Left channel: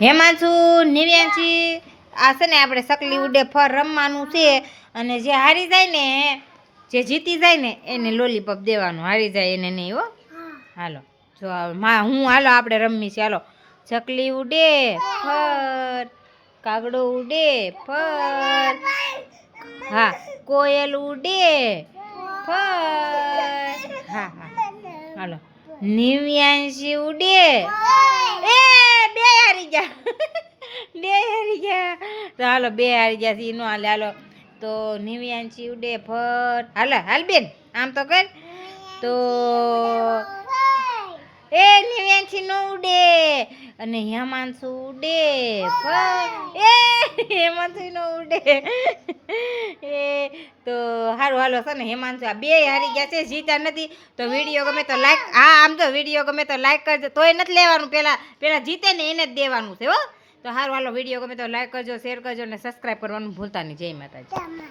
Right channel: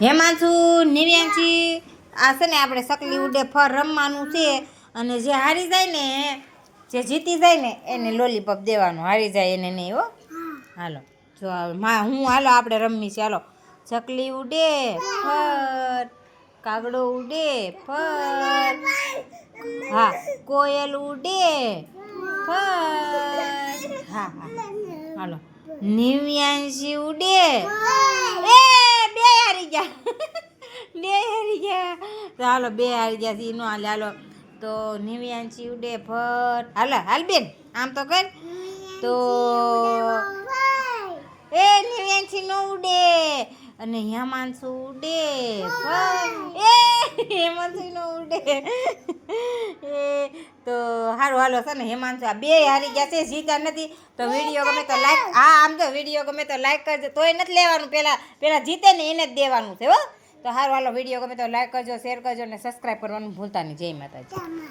હેમાંશુ નિવ્યાંશી આ છે ને આપણે સકલી ઉડે ફર રમવાનું છે અને જે હારી જાય ને જે જીતી જાય ને એને લોલીપોપ દેવાનું હારી જાય એને નહીં હો હાલો જો હું હાલો આપણે રમવી છે હાલો ચકલી ઉડે ફર કાગડો ઉડે ફર હા કોયલ ઉડે ફર હા હા હાલો નિવ્યાંશી ઉડે એ બે હારી ગયા બે હારી ગયા તો હાલો બે હારી ગયા ઈ નો હાલે હાલો તો નિવ્યાંશી ઉડે ફર હાલ બેન આમ તો કર તો એ નિવ્યાંશી નો ઉડે અને હેમાંશુ ઉડે એ હેમાંશુ નો ઉડે એ તો હારું હાલો છે ને હેમાંશુ આ બે હારી ગયા છે જીતા નથી તો વિડીયો ગમે તો લાઈક હા આમ તો વિડીયો ગમે તો લાઈક કરજો તોય નથી લેવાનું પેલા જીતે ને એને જ દેવાનું છે હો તો હારું હાલો વિડીયો ગમે તો લાઈક કરજો શેર કરજો અને સબસ્ક્રાઈબ કરવાનું ભૂલતા નહીં જય માતાજી